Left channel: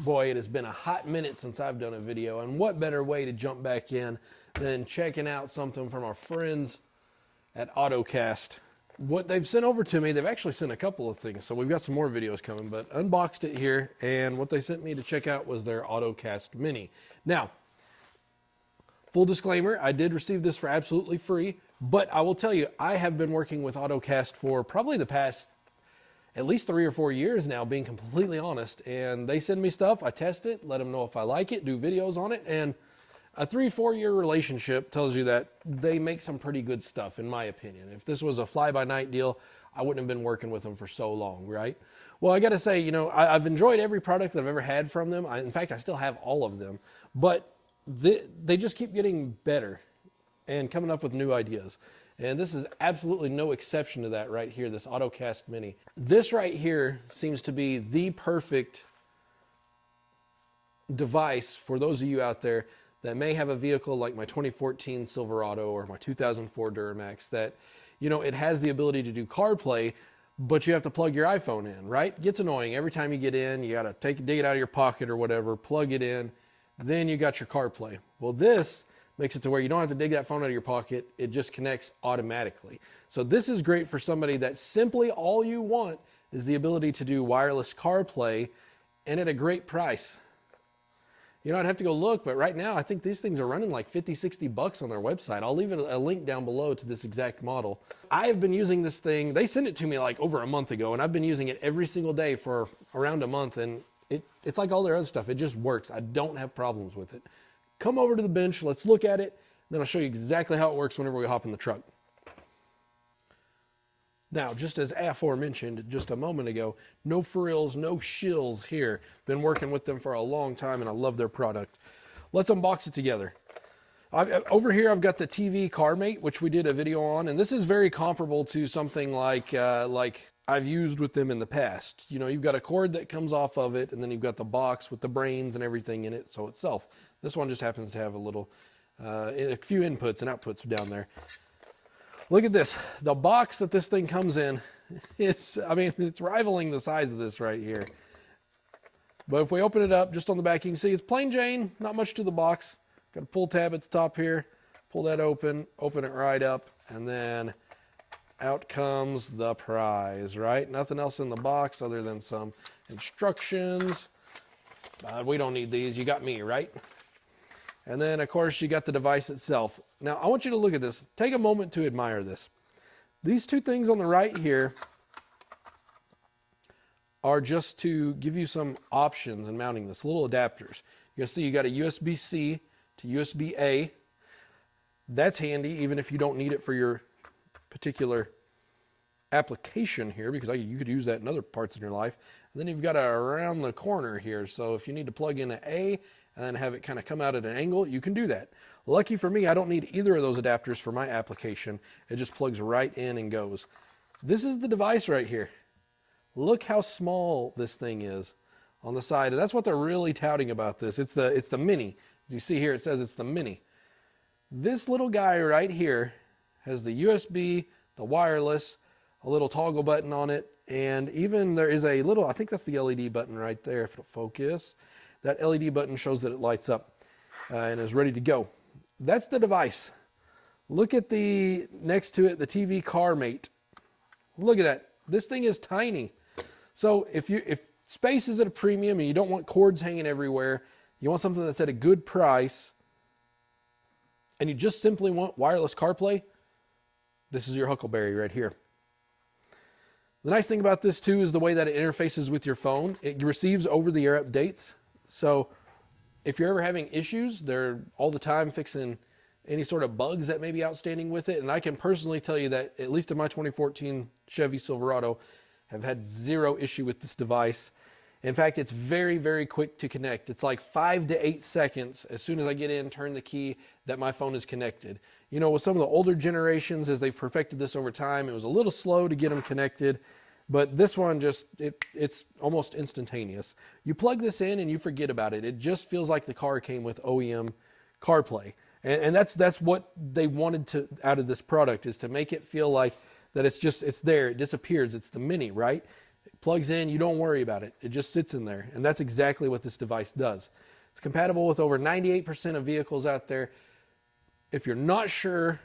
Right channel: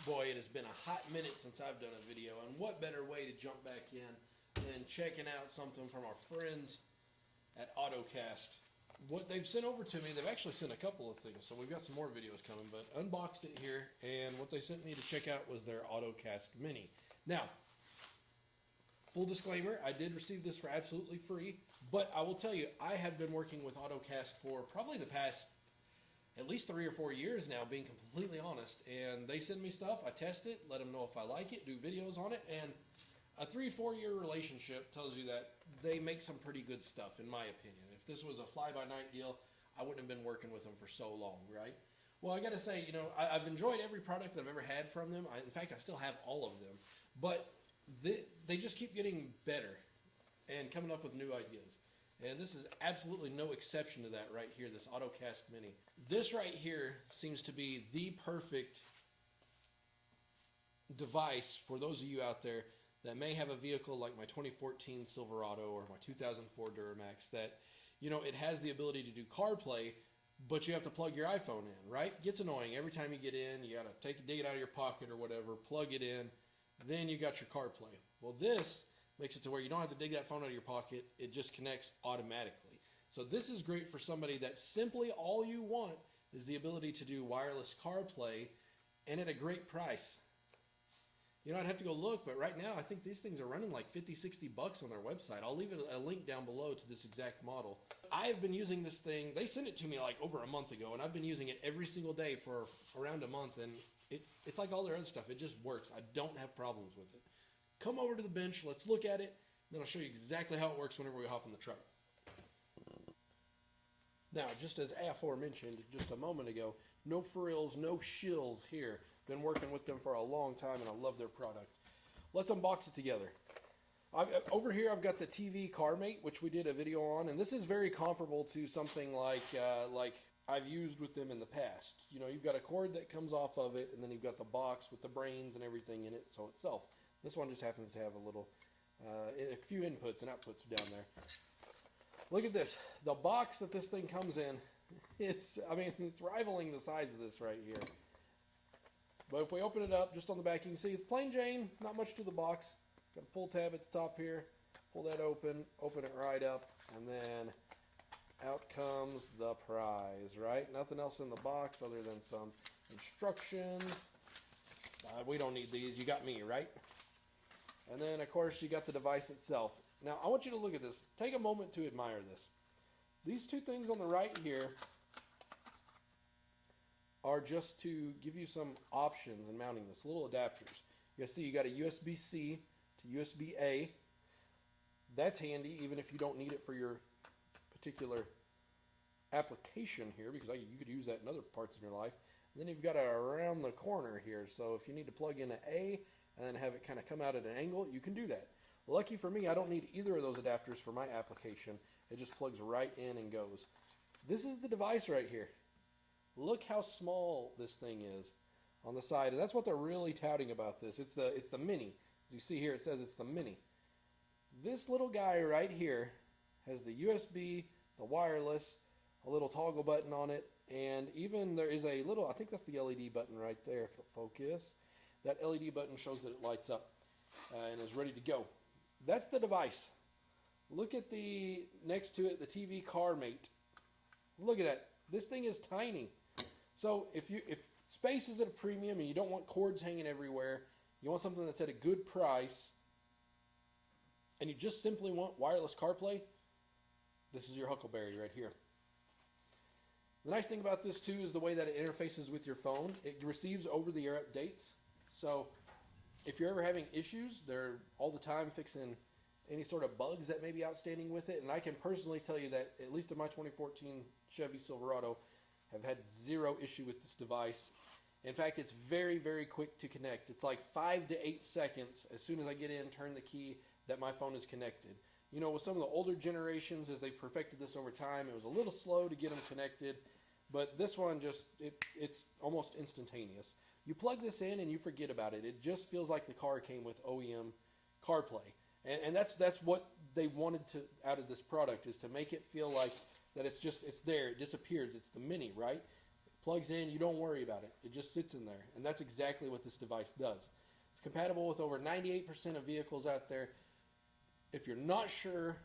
Boy, it has been a hot minute since I've done a video, and what better way to jump back in than checking out something from our friends at Ottocast. What they've sent over to me, they've actually sent a couple of things, so we've got some more videos coming, but unboxed it here, and what they sent me to check out was their Ottocast Mini. Now, full disclaimer, I did receive this for absolutely free, but I will tell you, I have been working with Ottocast for probably the past at least 3 or 4 years now, being completely honest. And they send me stuff, I test it, let them know if I like it, do videos on it. And a 3-4 year relationship tells you that they make some pretty good stuff, in my opinion. If this was a fly-by-night deal, I wouldn't have been working with them for so long, right? Well, I got to say, I've enjoyed every product that I've ever had from them. In fact, I still have all of them. But they just keep getting better and coming up with new ideas. And this is absolutely no exception to that right here, this Ottocast Mini. This right here seems to be the perfect device for those of you out there that may have a vehicle like my 2014 Silverado or my 2004 Duramax that, it has the ability to do CarPlay, but you have to plug your iPhone in, right? It gets annoying. Every time you get in, you got to dig it out of your pocket or whatever, plug it in, then you got your CarPlay. Well, this makes it to where you don't have to dig that phone out of your pocket. It just connects automatically. So this is great for somebody that simply all you want is the ability to do wireless CarPlay and at a great price. I'd have to go look, but right now I think these things are running like 50, 60 bucks on their website. I'll leave it a link down below to this exact model. I have been using this thing. They sent it to me like over a month ago, and I've been using it every single day for around a month, and it's like all their other stuff. It just works. I don't have problems with it. Come over to the bench, let's look at it, then I'll show you exactly how it works whenever we hop in the truck. Now, just as aforementioned just a moment ago, no frills, no shills here. Been working with them for a long time, and I love their product. Let's unbox it together. Over here, I've got the TV CarMate, which we did a video on, and this is very comparable to something like I've used with them in the past. You've got a cord that comes off of it, and then you've got the box with the brains and everything in it, so itself. This one just happens to have a few inputs and outputs down there. Look at this. The box that this thing comes in, it's rivaling the size of this right here. But if we open it up, just on the back, you can see it's plain Jane, not much to the box. Got a pull tab at the top here. Pull that open it right up, and then out comes the prize, right? Nothing else in the box other than some instructions. We don't need these. You got me, right? And then, of course, you got the device itself. Now, I want you to look at this. Take a moment to admire this. These two things on the right here are just to give you some options in mounting this, little adapters. You'll see you got a USB-C to USB-A. That's handy, even if you don't need it for your particular application here, because you could use that in other parts of your life. And then you've got around the corner here, so if you need to plug in an A and then have it kind of come out at an angle, you can do that. Lucky for me, I don't need either of those adapters for my application. It just plugs right in and goes. This is the device right here. Look how small this thing is on the side, and that's what they're really touting about this. It's the Mini. As you see here, it says it's the Mini. This little guy right here has the USB, the wireless, a little toggle button on it, and even there is a little, I think that's the LED button right there, if it'll focus. That LED button shows that it lights up and is ready to go. That's the device. Look at next to it, the TV CarMate. Look at that. This thing is tiny. So if space is at a premium and you don't want cords hanging everywhere, you want something that's at a good price, and you just simply want wireless CarPlay, this is your Huckleberry right here. The nice thing about this too is the way that it interfaces with your phone. It receives over-the-air updates. So if you're ever having issues, they're all the time fixing any sort of bugs that may be outstanding with it. And I can personally tell you that, at least in my 2014 Chevy Silverado, have had zero issue with this device. In fact, it's very, very quick to connect. It's like 5 to 8 seconds as soon as I get in, turn the key, that my phone is connected. With some of the older generations, as they've perfected this over time, it was a little slow to get them connected. But this one it's almost instantaneous. You plug this in and you forget about it. It just feels like the car came with OEM CarPlay. And that's what they wanted out of this product, is to make it feel like that it's there, it disappears. It's the Mini, right? plugs in, you don't worry about it. It just sits in there. And that's exactly what this device does. It's compatible with over 98% of vehicles out there. If you're not sure,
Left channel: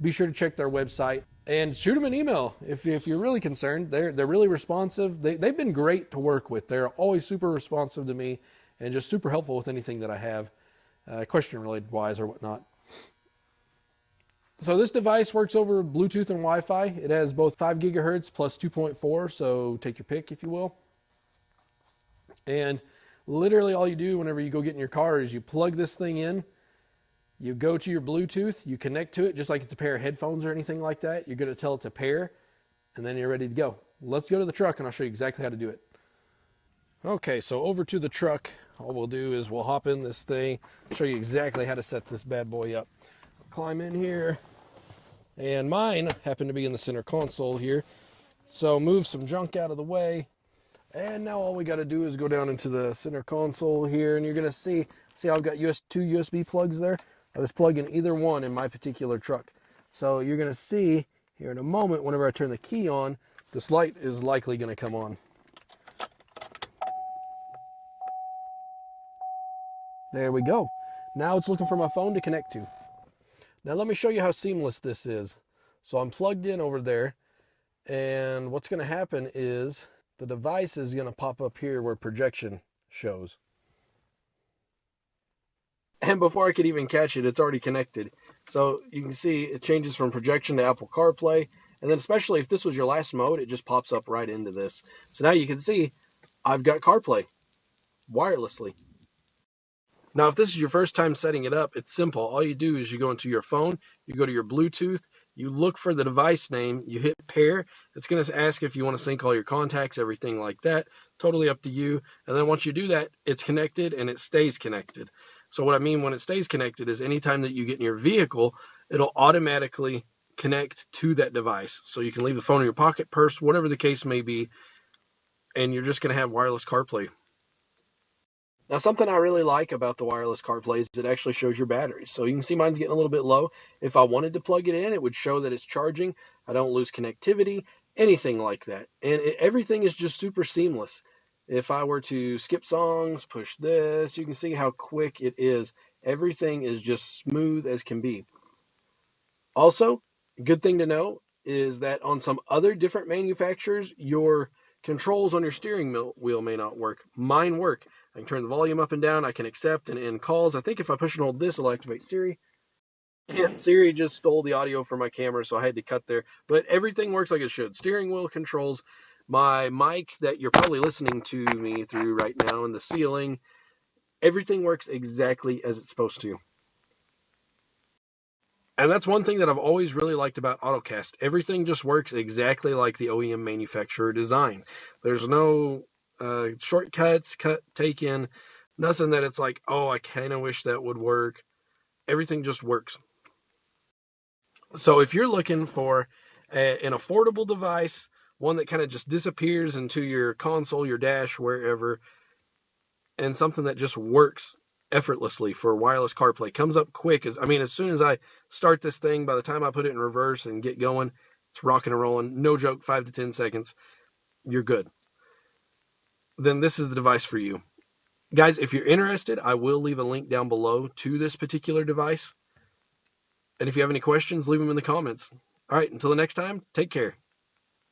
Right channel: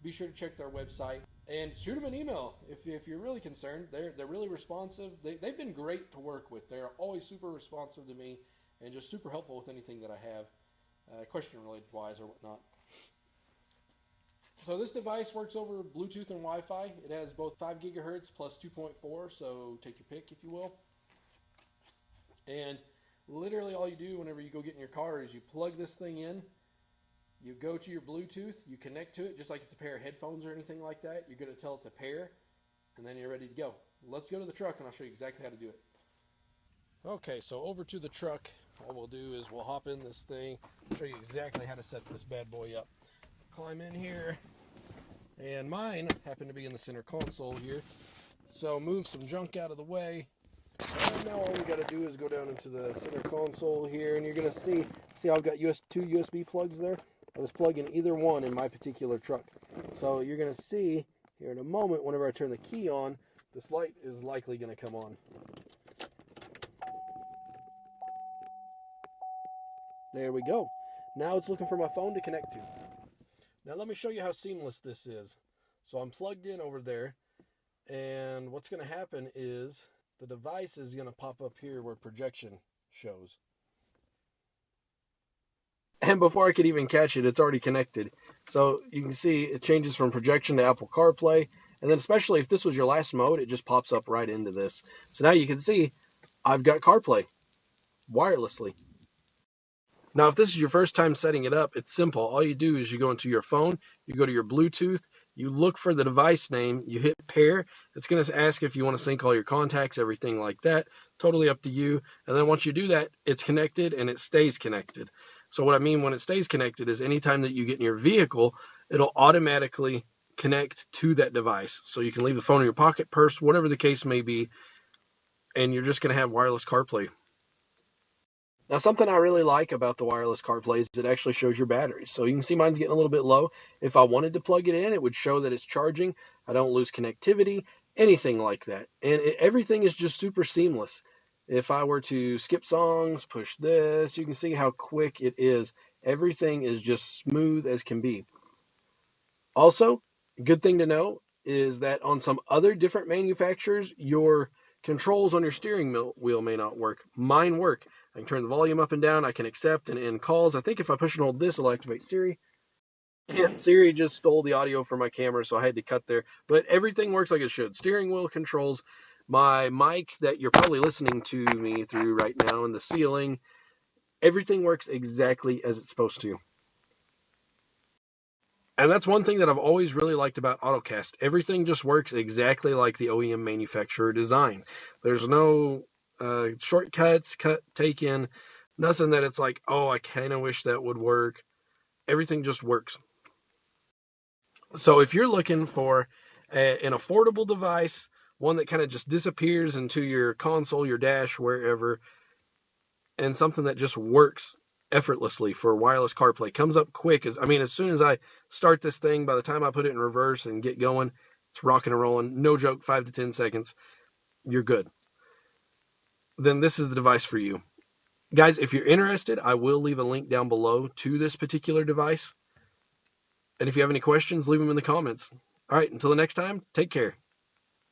be sure to check their website and shoot them an email if you're really concerned. They're really responsive. They've been great to work with. They're always super responsive to me and just super helpful with anything that I have, question related wise or whatnot. So this device works over Bluetooth and Wi-Fi. It has both 5 gigahertz plus 2.4, so take your pick if you will. And literally all you do whenever you go get in your car is you plug this thing in, you go to your Bluetooth, you connect to it just like it's a pair of headphones or anything like that. You're going to tell it to pair, and then you're ready to go. Let's go to the truck and I'll show you exactly how to do it. Okay, so over to the truck. All we'll do is we'll hop in this thing, show you exactly how to set this bad boy up. Climb in here. And mine happen to be in the center console here. So move some junk out of the way. And now all we got to do is go down into the center console here. And you're going to see how I've got two USB plugs there? I was plugging either one in my particular truck. So you're going to see here in a moment, whenever I turn the key on, this light is likely going to come on. There we go. Now it's looking for my phone to connect to. Now let me show you how seamless this is. So I'm plugged in over there, and what's going to happen is the device is going to pop up here where projection shows. And before I could even catch it, it's already connected. So you can see it changes from projection to Apple CarPlay, and then especially if this was your last mode, it just pops up right into this. So now you can see I've got CarPlay wirelessly. Now, if this is your first time setting it up, it's simple. All you do is you go into your phone, you go to your Bluetooth, you look for the device name, you hit pair. It's going to ask if you want to sync all your contacts, everything like that. Totally up to you. And then once you do that, it's connected and it stays connected. So what I mean when it stays connected is anytime that you get in your vehicle, it'll automatically connect to that device. So you can leave the phone in your pocket, purse, whatever the case may be, and you're just going to have wireless CarPlay. Now, something I really like about the wireless CarPlay is it actually shows your batteries. So you can see mine's getting a little bit low. If I wanted to plug it in, it would show that it's charging. I don't lose connectivity, anything like that. And everything is just super seamless. If I were to skip songs, push this, you can see how quick it is. Everything is just smooth as can be. Also, a good thing to know is that on some other different manufacturers, your controls on your steering wheel may not work. Mine work. I can turn the volume up and down. I can accept and end calls. I think if I push and hold this, it'll activate Siri. And Siri just stole the audio from my camera, so I had to cut there. But everything works like it should. Steering wheel controls my mic that you're probably listening to me through right now, and the ceiling. Everything works exactly as it's supposed to. And that's one thing that I've always really liked about Ottocast. Everything just works exactly like the OEM manufacturer design. There's no shortcuts, take in, nothing that it's like, oh, I kind of wish that would work. Everything just works. So if you're looking for an affordable device, one that kind of just disappears into your console, your dash, wherever, and something that just works effortlessly for wireless CarPlay, comes up quick. As soon as I start this thing, by the time I put it in reverse and get going, it's rocking and rolling. No joke, 5 to 10 seconds, you're good. Then this is the device for you. Guys, if you're interested, I will leave a link down below to this particular device. And if you have any questions, leave them in the comments. All right, until the next time, take care.